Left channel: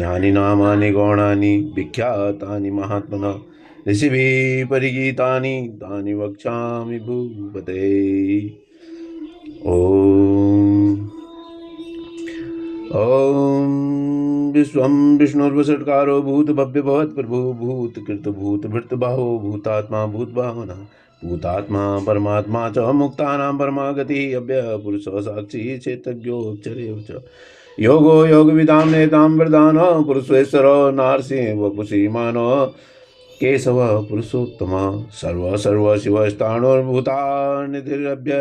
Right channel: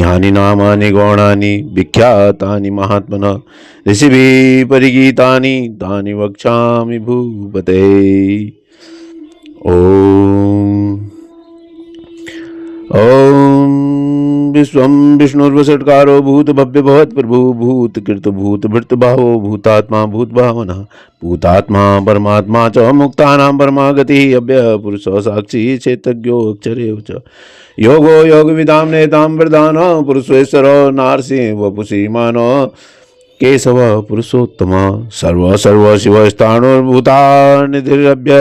यानि नामानि गौणानि विख्यातानि महात्मनः ऋषिभिः परिगीतानि तानि वक्ष्यामि भूपते। ओम विश्वं विष्णुर्वषट्कारो भूत भव्य भवत् प्रभु भूत कृत भूत भृत भावो भूतात्मा भूत भावना भूतात्मा परमात्मा च मुक्तानां परमागतिः अव्ययः पुरुषः साक्षी चेतज्ञो अक्षरे च योगो योग विदाम नेतां वरदान पुरुषेश्वर नारसिंह वपुषी मानो केशव पुरुषोत्तम सर्व सर्व शिव स्थाणुर्भूतानिधिरभ्य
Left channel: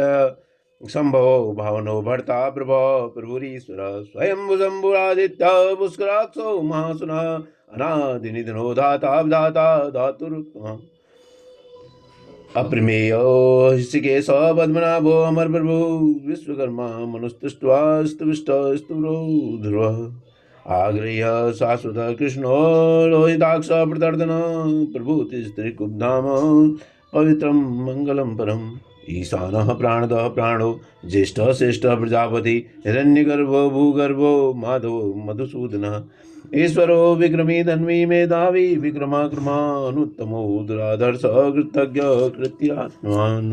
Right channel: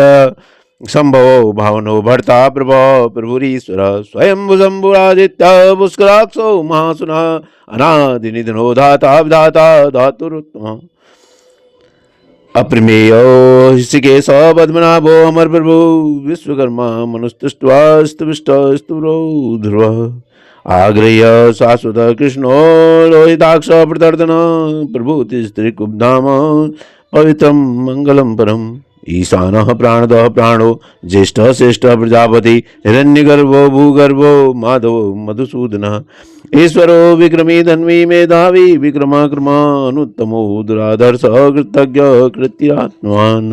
संभवो भावनो भर्ता प्रभो प्रभुरीश्वर स्वयं भुजम्बुरादित्य पुष्कराक्षो महासुना अनादिनिधनो धाता विधाता धातुरुत्तम अप्रमेय ऋषिकेश पद्मनाभो अमर प्रभु विश्वकर्मा मनुस्तुष्ट्वा स्तुष्टो ध्रुव आग्रह्य शाश्वत कृष्णो लोहिताक्ष प्रदर्दन प्रभुतिस्त्रिकुब्धाम पवित्रं मंगलम परम ईशानः प्राणदः प्राणो ज्येष्ठः श्रेष्ठः प्रजापति हिरण्यगर्भो भूगर्भो माधवो मधुसूदनः ईश्वरो विक्रमी धन्वी मेधावी विक्रमाक्रमानुत्तमो दुराधर्ष कृतज्ञ कृत्यात्मवान्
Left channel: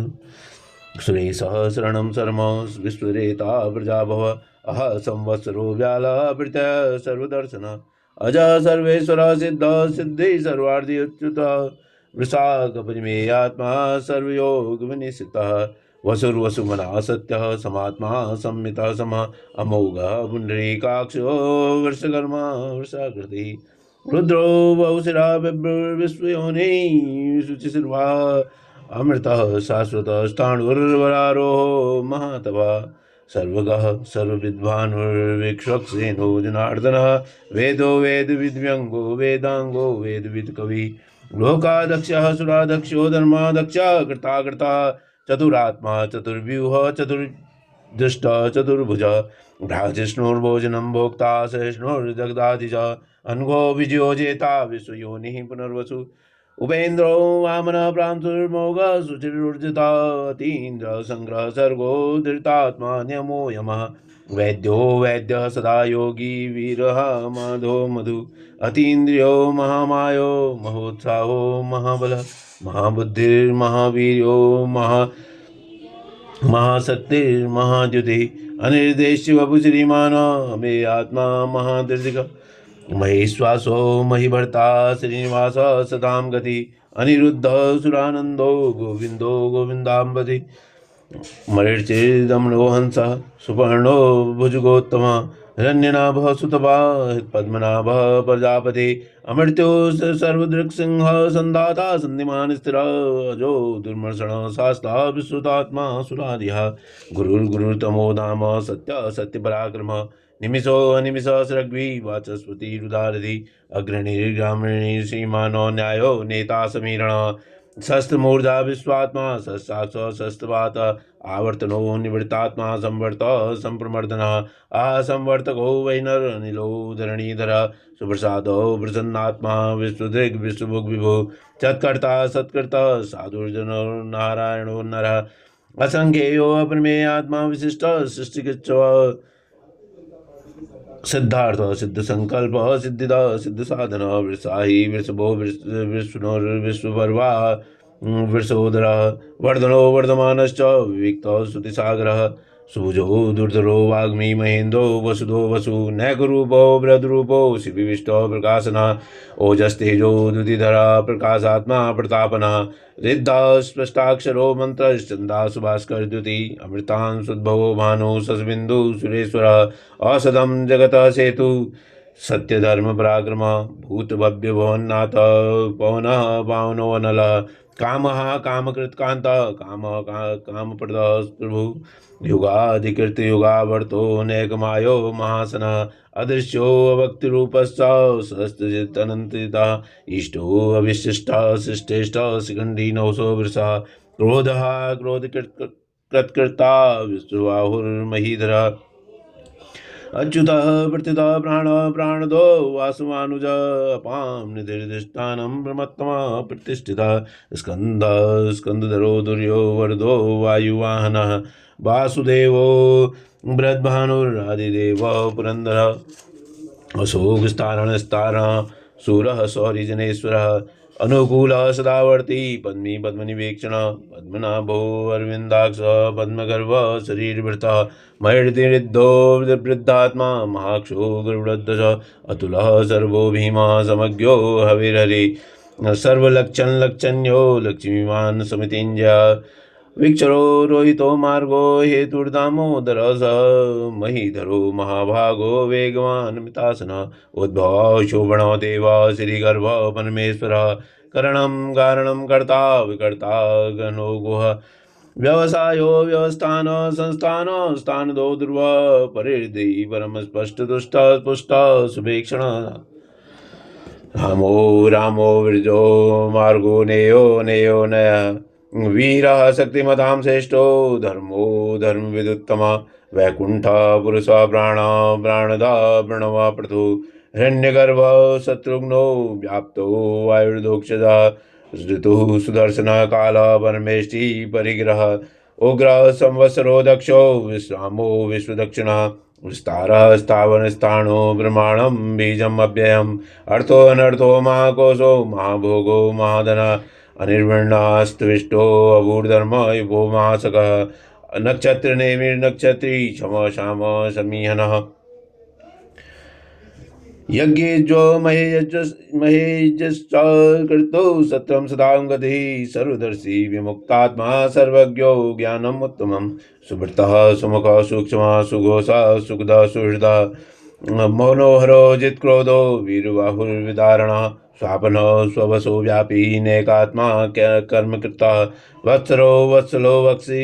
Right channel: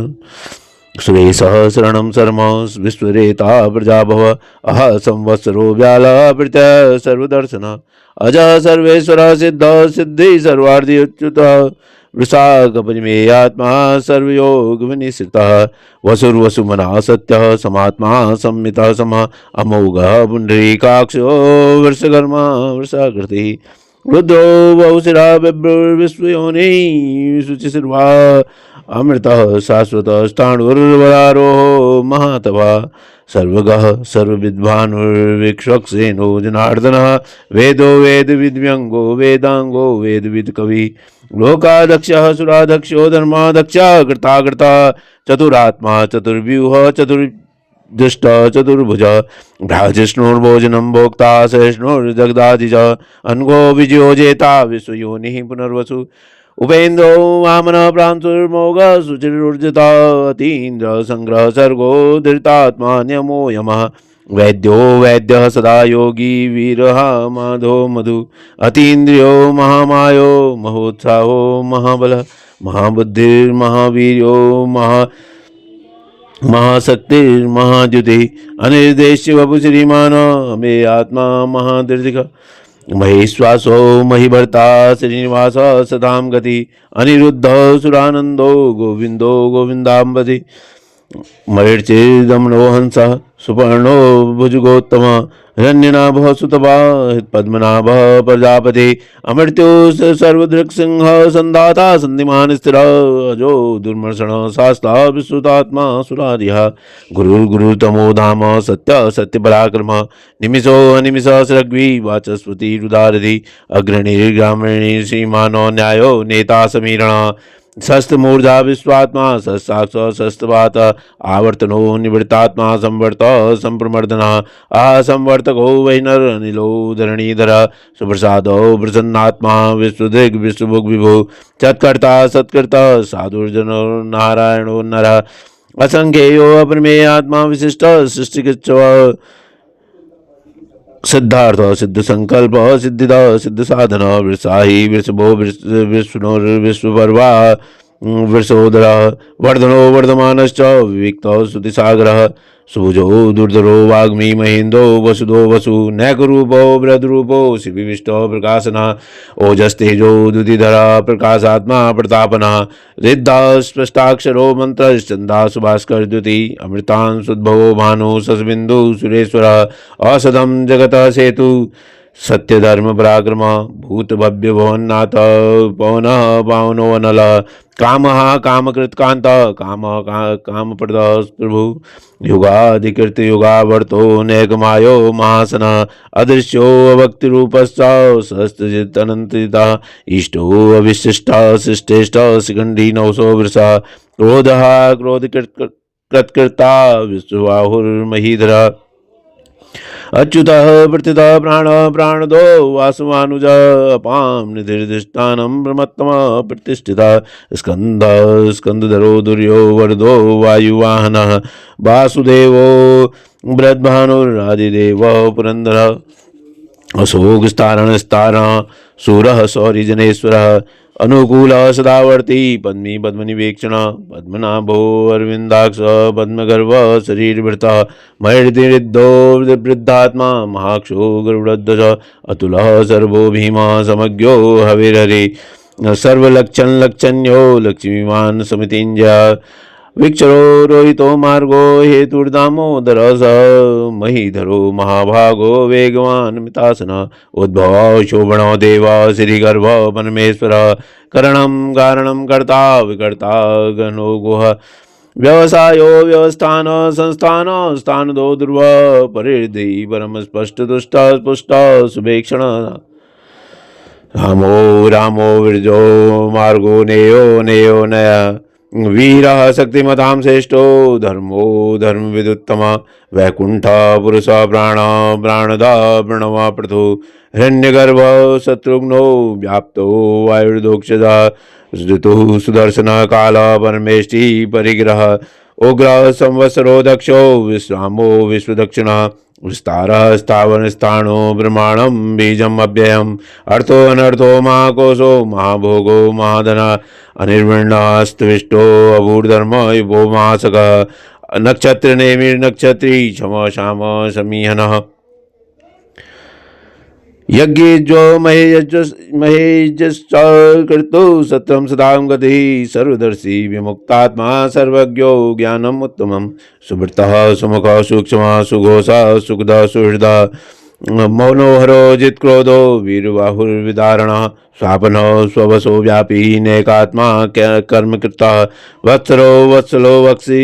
सुरेशः शरणं शर्म विश्वरेता प्रजाभव अह संवत्सरो व्यालः प्रत्यय सर्वदर्शन अज सर्वेश्वर सिद्ध सिद्धि सर्वार्थी उच्युतः वृषाकपरिमेयात्मा सर्वयोग विनिश्रितः वसुर्वसुमना सत्यः समात्मा संमितः समः अमोघः पुण्डरीकाक्षो वृषकर्मा वृषाकृतिः रुद्रो बहुशिरा विश्वयोनिः शुचिशिर्वा अमृतः शाश्वतः स्थाणुर्वरारोहो महातपः सर्वगः सर्वविद्वानुर्विक्षसेनो जनार्दनः वेदो वेदविद्व्यङ्गो वेदांगो वेदविद् कवि लोकाध्यक्षः सुराध्यक्षो धर्माध्यक्षः कृताकृता चतुरात्मा चतुर्व्यूह चतुर्दुष्ट चतुर्भुज भ्राजिष्णुर्भोजनं भोक्ता सहिष्णुर्जगदाधिज अनघो विजयो जेता विश्वयोनिः पुनर्वसु उपेन्द्रो वामन प्रांशुर्मोघ सुचिरुर्जिता अतीन्द्र संग्रह सर्गो धृतात्मा न्यमो यमः वैद्यो वैद्यः सदा योगी वीरः माधो मधु अतीन्द्रियो महामायो महोत्साहो महाबल महाबुद्धिर्महावीर्यो महाशक्तिर्महाद्युति अनिर्देश्य वपु श्रीमान मे आत्मा महादीर्घ महेश्वासो महिभर्ता श्रीनिवास सदां गति अनिरुद्ध सुरानंदो गोविंदो गोविंदाम्बति मरीचिर्दमनो हंसः सुपर्णो भुजगोत्तम हिरण्यनाभः सुतपा पद्मनाभः प्रजापति अमृत्यो सर्वदृक्सिंह संधाता सन्धिमान स्थिर अजो दुर्मर्षण शास्ता विश्रुतात्मा सुरारिः गुरुर्गुरुतमो धाम सत्य सत्य पराक्रम निमिषो अनिमिष सृग्वी वाचस्पति रुदारधि अग्रणीर्ग्रामीणी श्रीमानो न्यायो नेता समीरण शस्त्रमूर्धा विश्वात्मा शस्त्राक्ष शस्त्रवात आवर्तनो निवृत्तात्मा संवर्त संप्रमर्दन असंवर्तको वैनर अनिलो धरणीधर सुप्रसादो प्रसन्नात्मा विश्वदिग् विश्वभुग् विभु सत्कर्ता सत्कर्ता साधुर्जनो नारायणो नर असंख्येयो अप्रमेय आत्मा विशिष्ट सृष्टिकृत्व सिद्धार्थ सिद्ध संकल्प सिद्धिद सिद्ध साधन वृषाही वृषभो विश्वपर्वा वृषोदर वर्धनो वर्धमानश्च विविक्त श्रुतिसागर सुभुजो दुर्धरो वाग्मी महेन्द्रो वसुदो वसु नैकरूपो बृहद्रूपो शिविविष्टो प्रकाशन ओजस्तेजो दुधिधर प्रकाशात्मा प्रतापन रिद्धा स्पष्टाक्षरो मंत्रश्चंदा सुभास्कर द्युति अमृतान सुद्भवो भानु ससबिंदु सुरेश्वर औषधम जगत सेतु सत्य धर्म पराक्रम भूत भव्य भवन्नाथ पवन पावनो अनल काम कामकृत कांत काम प्रद प्रभु युगाधिकृत युगावर्तो नैकमायो महासन अदृश्यो अभक्ति रूपश्च सहस्रजित अनंतिता इष्टो अविशिष्ट शिष्टेष्ट शिखंडी नवसो वृषा क्रोधः क्रोधकृत्कृता विश्वबाहुर्महीधर अच्युतः प्रतितः प्राण प्राणदो वासुवानुज अपां निधिर्दिष्टानं ब्रह्मत्तमः प्रतिष्ठितः स्कंद स्कंदधरो दुर्यो वरदो वायुवाहनः वासुदेवो बृहद्भानुरादिदेवः पुरंदरः अशोकस्तारण सूरः सौरिजनेश्वरः अनुकूलः सदावर्ती पद्मी पद्मनिवेक्षण पद्मनाभो अरविन्दाक्ष पद्मगर्भ शरीरभृतः मयर्दिरिद्धो वृद्धात्मा महाक्षो गरुडध्वज अतुलः सर्वो भीमः समज्ञो हविररे सर्वलक्षण्यो लक्ष्मीवान् समितिञ्जय विक्षरो रोहितो मार्गो हेतुर्दामोदर स महीधरो महाभागो वेगवान् मितासन उद्भव शोभनो देव श्रीगर्भ परमेश्वर करणं कारणं कर्ता विकर्ता गणो गुह व्यवसायो व्यवस्थान संस्थान स्थान दो ध्रुव परिधि परम स्पष्ट दुष्ट स्पुष्ट सुभेक्षण रामो रामो विरजो मार्गो नेयो नेयो नय वीरः शक्तिमतां श्रेष्ठो धर्मो धर्मविदुत्तम वैकुंठ पुरुष प्राण प्राणदा प्रणवा पृथु हिरण्यगर्भ शत्रुघ्नो व्याप्तो वायुर्दोक्षदा ऋतु सुदर्शन काल परमेष्टि परिग्रह उग्र संवत्सरो दक्षो विश्रामो विश्वदक्षिण विस्तारः स्थावर स्थाणो ब्रह्मांडं बीजम् अव्ययम् अर्थो अनर्थो महाकोशो महाभोगो महाधना अनिर्वृणास्तविष्टो अभूर्धर्म युवो मासकः नक्षत्र नक्षत्री क्षम श्याम समीहनः यज्ञेज्यो महेजश्च कृतो सत्रं सदां गतिः सर्वदर्शी विमुक्तात्मा सर्वज्ञो ज्ञानम् उत्तमं सुवृत्तः सुमुखः सूक्ष्मः सुघोषः सुखदः सुहृदः मौनोहरो जित्क्रोधो वीरबाहुर्विदारणः स्वापनो स्ववसो व्यापी नैकात्मा कर्मकृता वत्सरो वत्सलो वक्षि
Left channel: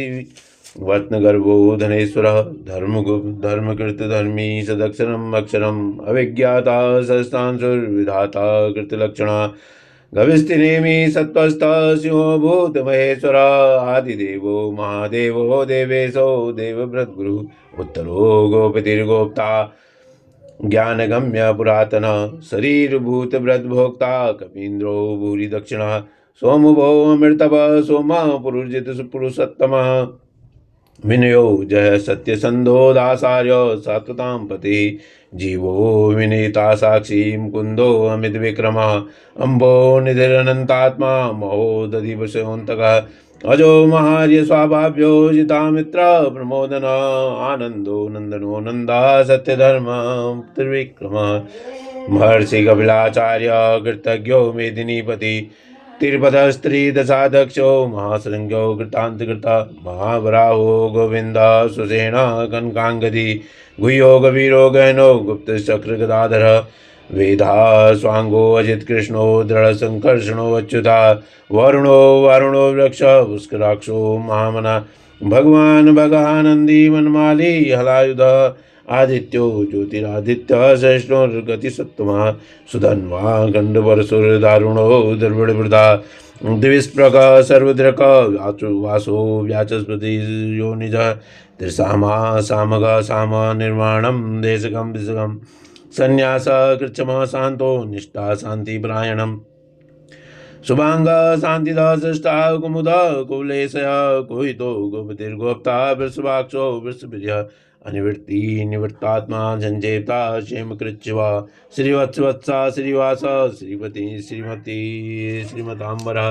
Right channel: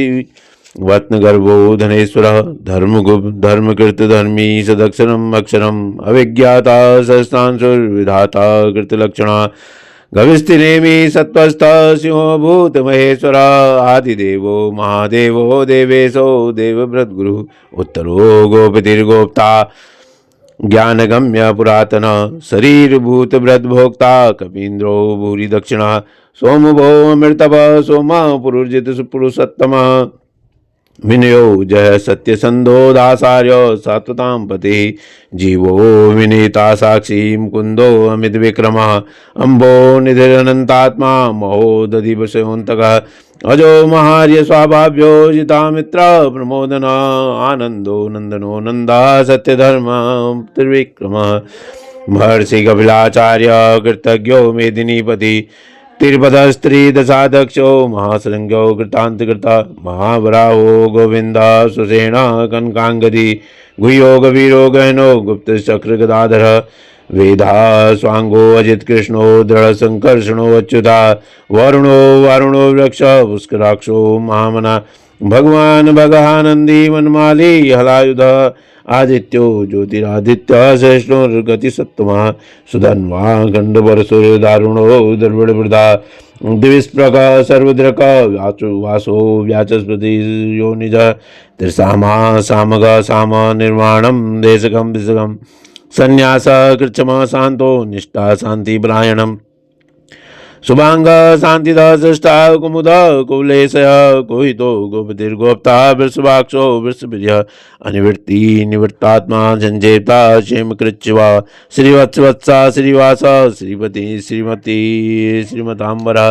वत्नगर्भो धनेश्वरः धर्मकृत धर्मी सदक्षरम् अक्षरम् अविज्ञाता सहस्रांशुर्विधाता कृतलक्षणा गविस्तिनेमि सत्त्वस्थः सिंहो भूतमहेश्वरः आदिदेवो महादेवो देवेशो देवव्रतगुरुः उत्तरो गोपतिर्गोप्ता ज्ञानगम्य पुरातन शरीरभूत व्रतभोक्ता कपीन्द्रो भूरि दक्षिणा सोमभो अमृतभ सोमा पुरुजित पुरुषोत्तम विनयो जय सत्यसंधो दासार्य सात्वतां पति जीवो विनीता साक्षी मुकुंदो अमित विक्रम अम्बो निधिरनंतात्मा महोदधिवशोन्तकः अजो महार्य स्वाभाव्यो जितामित्र प्रमोदन आनंदो नंदनो नंदा सत्यधर्म त्रिविक्रम महर्षि कपिलाचार्य कृतज्ञो मेदिनीपति तिरुपतस्त्री दशाध्यक्षो महासृंगो कृतांतकृता महावराहो गोविंद सुसेन कनकांगदी गुह्यो गभीरो गहनो गुप्त चक्र गदाधर वेदा स्वांगो अजित कृष्णो दृढ़ संकर्षणो अच्युता वरुणो वारुणो वृक्ष पुष्कराक्षो महामना भगवान भगानंदी वनमाली हलायुध आदित्यो ज्योतिरादित्य श्रेष्ठो सत्तमा सुधन्वा गंडपरसुर दारुणो दुर्बड़वृदा दिविस्प्रक सर्वद्रक वासो व्याचस्पति योनिज त्रिसामा सामग साम निर्माणम देशकम दिशकम संन्यास कृच्छम शांतो निष्ठा शांति परायणम शुभांग शांतिदा सृष्टा कुमुद कुलेशय कोहितो गोपतिर्गोप्ता वृषभाक्षो वृषप्रिय अनिवृत्ति निवृत्तात्मा झंझेता क्षेम कृच्छ्वा श्रीवत्सवत्सा श्रीवास श्रीपति श्रीमती श्रीमतांबरा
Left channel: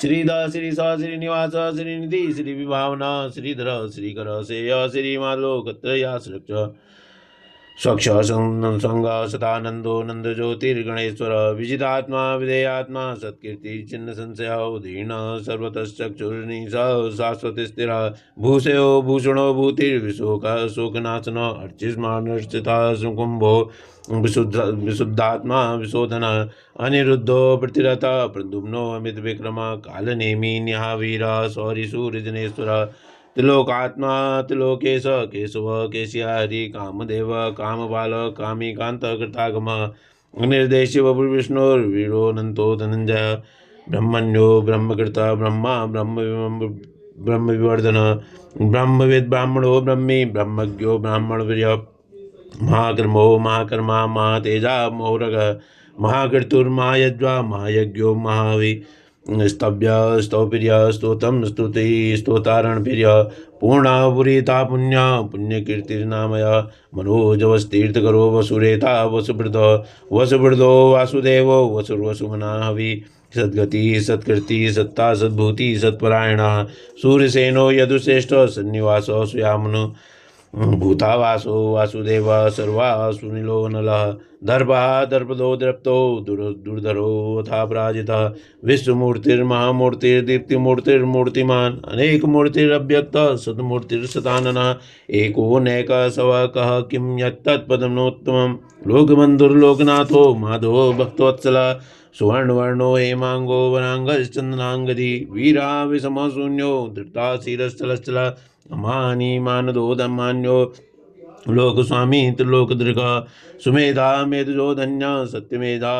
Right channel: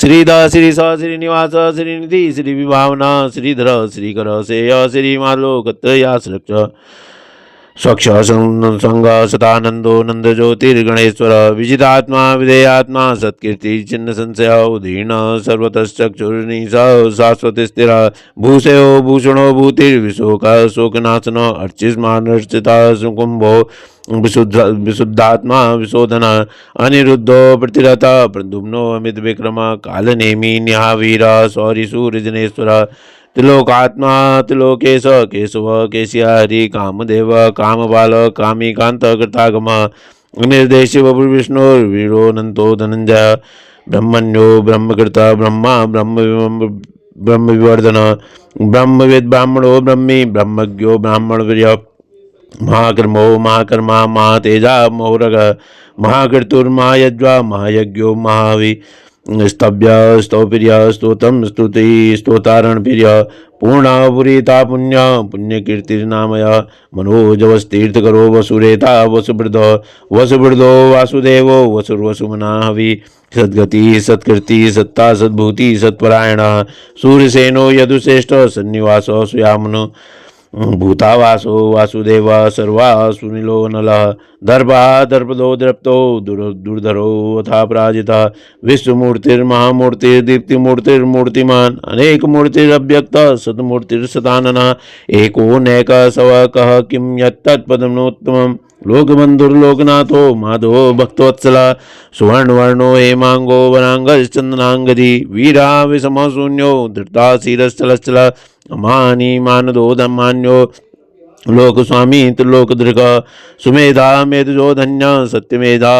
श्रीदा श्रीस श्रीनिवास श्रीनिधि श्रीविभावना श्रीधर श्रीकर सेय श्रीमालोकत्रयाश्रक्ष स्वच्छ संग सदानंदो नंद ज्योतिर्गणेश्वर विजितात्मा विधेयात्मा सत्कीर्ति चिन्ह संशय उदीर्ण सर्वतश्चक्षुर्निश शाश्वत स्थिर भूषयो भूषणो भूतिर्विशोक शोकनाशन अर्चिस्मानर्चिता सुकुंभो विशुद्धात्मा विशोधन अनिरुद्धो प्रतिरथ प्रद्युम्नो अमित विक्रम कालनेमी न्यावीर शौरिशूर्जनेश्वर त्रिलोकात्मा त्रिलोकेश केशव केशिया हरि कामदेव कामबाल कामीकांत कृतागम निर्देश विष्णुर्वीरोनंतो धनंजय ब्रह्मण्यो ब्रह्मकृता ब्रह्मा ब्रह्म विवर्धन ब्रह्मविद ब्राह्मणो ब्रह्मी ब्रह्मज्ञो ब्राह्मणवीर्य महाकर्मो महाकर्मा महातेजा महोरग महाकृतुर्महायज्वा महायज्ञो महावि स्तव्य स्तोप्रिय स्तोतम स्तुति स्तोतारण प्रिय पूर्णापुरीता पुण्य पुण्यकीर्तिर्नामय मनोजवस्तीर्थकरो वसुरेता वसुवृदो वासुदेवो वसुर्वसुमना हवि सद्गति सत्कृति सत्ता सद्भूति सत्परायण सूर्यसेनो यदुश्रेष्ठ सन्निवास सुयामुन भूतावासो वासुदेव सर्वा सुनीलो नलः दर्पा दर्पदो दृप्तो दुर्धरो अथा पराजिता विश्वमूर्तिर्महामूर्तिर्दीप्तिमूर्तिर्मूर्तिमान् अनेकमूर्तिरव्यक्त सतमूर्तिर्सदाननः एको नैक सव कः किं यत्तत्पदमोत्तमम् लोकबन्धुर्लोकनाथो माधवो भक्तवत्सला सुवर्णवर्णो हेमांगो वरांगश्चंदनांगदी वीरा विषमो शून्यो धृताशीरश्चलश्चल मानी मानदो धमान्यो लोकस्वामी त्रिलोकदृग सुमेधा मेधजो धन्य सत्यमेधा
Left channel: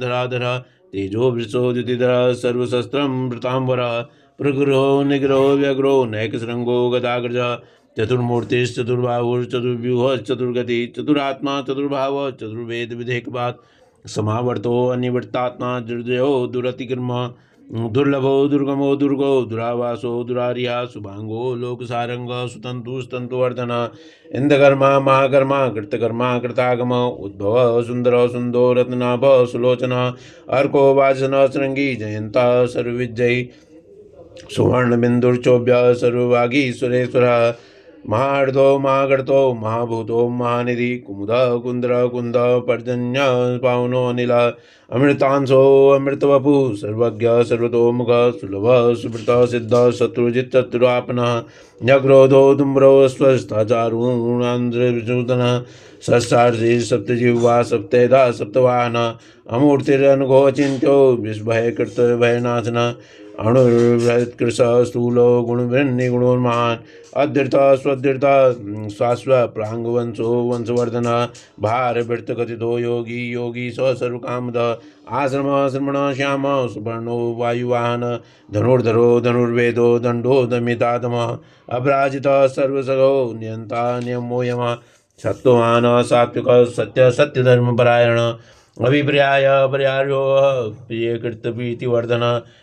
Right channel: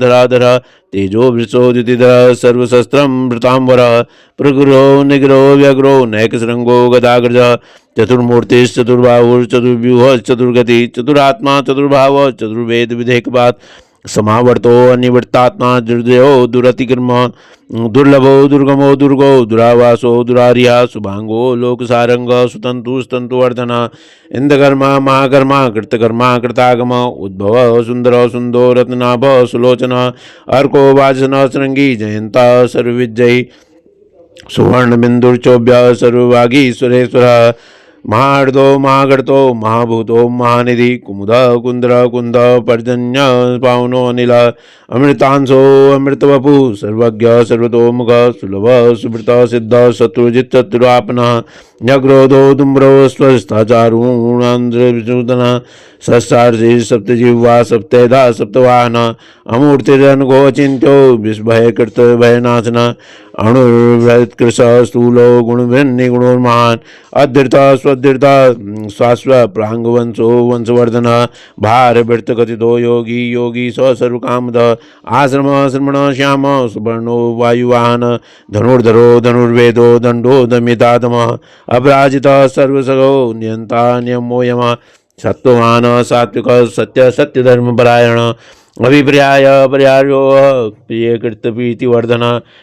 धराधर तेजो वृषोदितिधर सर्वशस्त्रं वृतांबर प्रगुरो निग्रो व्यग्रो नैकशृंगो गदाग्रज चतुर्मूर्तिश्चतुर्बाहुश्चतुर्व्यूह चतुर्गति चतुरात्मा चतुर्भाव चतुर्वेद विधेयकपात समावर्तो अनिवर्तात्मा दुर्जयो दुरतिक्रम दुर्लभो दुर्गमो दुर्गो दुरावासो दुरारिया शुभांगो लोकसारंग सुतंतु स्तंतुवर्धन इंद्रकर्मा महाकर्मा कृतकर्मा कृतागम उद्भव सुंदर सुंदो रत्नाभ सुलोचन अर्को वासन श्रृंगी जयंता सर्वविजयी सुवर्ण बिंदुर्चोभ्य सर्वभागी सुरेश्वर महार्दो महागर्तो महाभूतो महानिधि कुमुद कुंद्र कुंद पर्जन्य पावनो अनिल अमृतांशो अमृतवपु सर्वज्ञ सर्वतोमुख सुलभ सुवृत सिद्ध शत्रुजित चतुरापन न्यग्रोधो दुम्रो स्वस्थाचारूणांद्रविसूदन षष्ठार्षि सप्तजिह्वा सप्तेधा सप्तवाहन अमूर्तिरनुगोचिन्त्यो विस्भयकृत भयनाशन अणुर्वृत्कृश स्थूलो गुणभिन्निगुणोन्मान् अधृता स्वधृता स्वास्व प्राङ्गवंशो वंशवर्धन भारभृतकथितो योगी योगी स सर्वकामद आश्रम श्रमण श्याम सुवर्णो वायुवाहन धनुर्धरो धनुर्वेदो दण्डो दमितातमः अपराजिता सर्वसगो नियन्ता नियमो यमः सत्त्ववान सात्विक सत्य सत्यधर्मपरायण अभिप्राय पर्यायो प्रियकृत प्रीतिवर्धन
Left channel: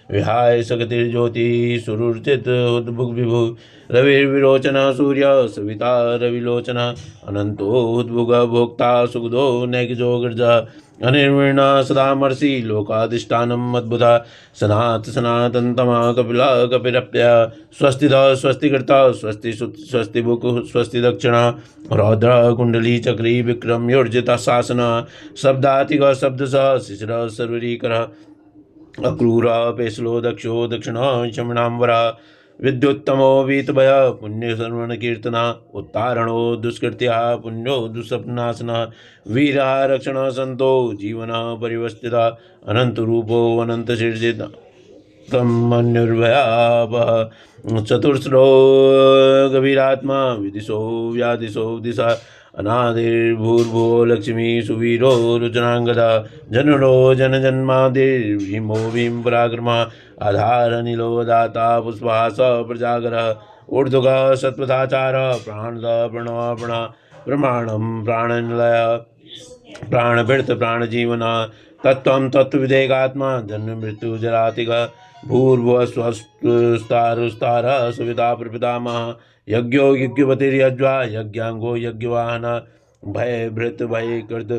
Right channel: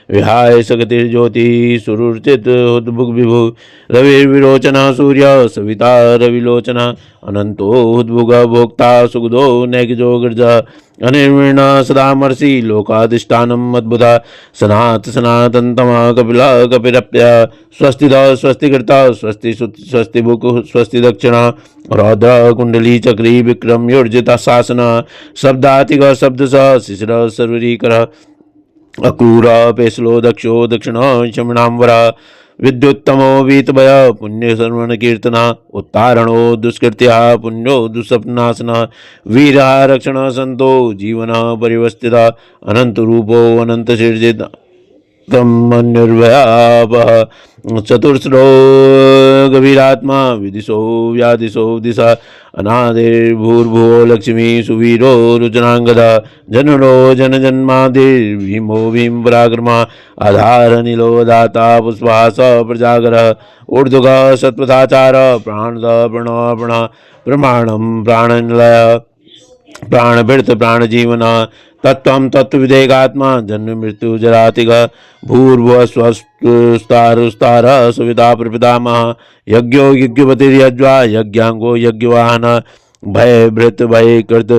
विहाय सगतिर्ज्योति सुरुचित उद्भुग विभु रविर्विरोचना सूर्य सविता रविलोचन अनंतो उद्भुग भोक्ता सुगदो नैकजो गिर्जा अनिर्वीण सदामर्षि लोकाधिष्ठानम अद्भुता सनात सनातनतम कपिल कपिरप्य स्वस्तिद स्वस्तिकृता स्वस्ति स्वस्ति बुक स्वस्ति दक्षिणा रौद्र कुंडली चक्री विक्रम योर्जिता शासन शब्दातिग शब्द शिशिर सर्वरीकर अक्रूर पेशलो दक्षो दक्षिण शमणांबर विद्युत्तमो वीतभय पुण्य सर्वण कीर्तना उत्तारणो दुष्कृत्या पुण्यो दुःस्वप्नाशन वीरा रक्षण संतो जीवन परिवस्थित अनंत रूपो अनंत शीर्जित निर्भयापः चतुर्श्रो गभीरात्मा विदिशो व्यादिशो दिशा अनादिर्भूर्भुवो लक्ष्मी सुवीरो रुचनांगदा जनुरो जनजन्मादिर्भीमो भीम पराक्रमा आधारनीलो दाता पुष्पास प्रजागर ऊर्ध्वग सत्पथाचार प्राणद प्रणप्रण प्रमाणम प्राणनिलय प्राणभृत प्राणजीवन तत्त्वं तत्त्वविदेगात्मा जन्म मृत्यु जरातिग भूर्भुवस्वस्तारुस्तार सुविधा प्रपितामह यज्ञो यज्ञपतिर्यज्वा यज्ञांगो यज्ञवाहन भयभृत भयकृत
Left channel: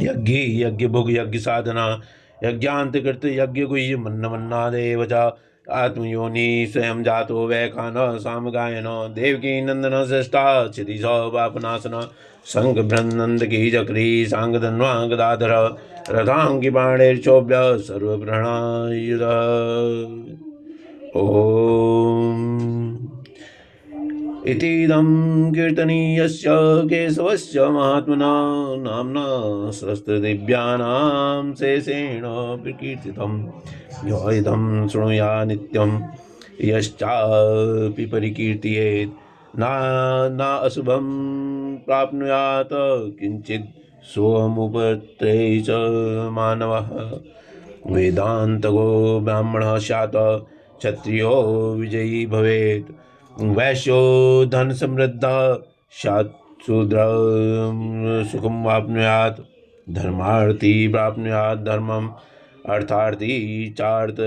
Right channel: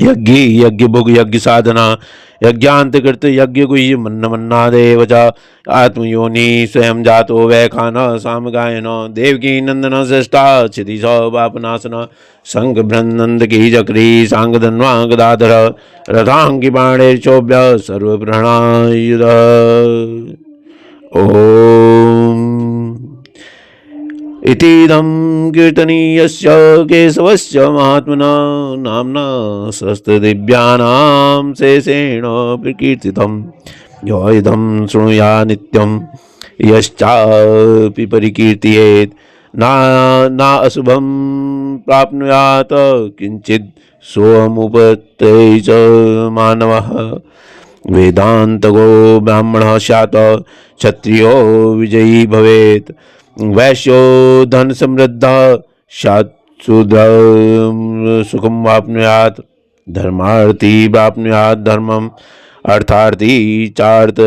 यज्ञी यज्ञ भुग यज्ञ साधना यज्ञांतकृत यज्ञ गुह्य मन्न मन्नादेव च आत्मयोनि स्वयं जातो वैखान सामगायन देवकी नंदन श्रेष्ठा क्षिति पापनाशन संग ब्रह्मनंद की चक्री सांग धन्वा गदाधर रथांगी बाणेर्चोभ्य सर्वप्रणायुध ओम इतीदं कीर्तनीयस्य केशवस्य महात्मना नाम्ना सहस्रदिव्यानां शेषेण प्रकीर्तितं यो इदं शृणुया नित्यं यश्चापि परिकीर्तयेत् ना अशुभं प्राप्नुयात् किंचित् सोऽमुपत्यै च मानवः वेदान्तगो ब्राह्मणः स्यात् क्षत्रियो विजयी भवेत् वैश्यो धन समृद्ध शूद्र सुखम वाप्नुयात् धर्मार्थी प्राप्नुयात् धर्मम अर्थार्थी चार्थ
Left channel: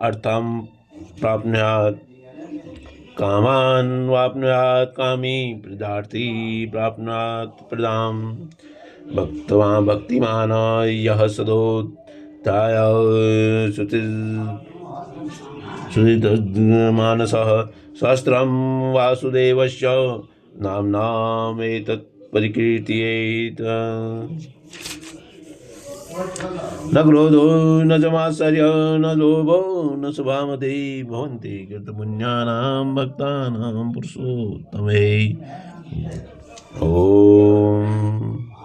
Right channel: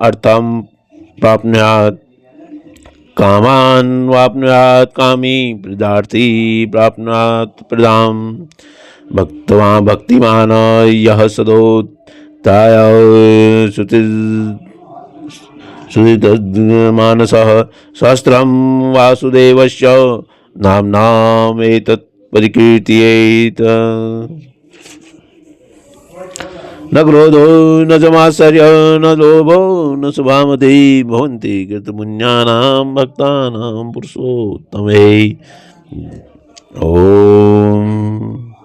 अर्थम प्राप्नुयात् कामान् वाप्नुयात् कामी प्रदार्थी प्राप्नुयात् प्रदाम् भक्तवान् भक्तिमान् यः सदोत्थाय सुधितमानसः सहस्रं वासुदेवस्य नाम्नामेतत् परिकीर्तयेत् न क्रोधो न समाश्चर्य न लोभो न शुभामति भवन्ति कृतपुण्यानां भक्तानां पुरुषोत्तमे। ओम।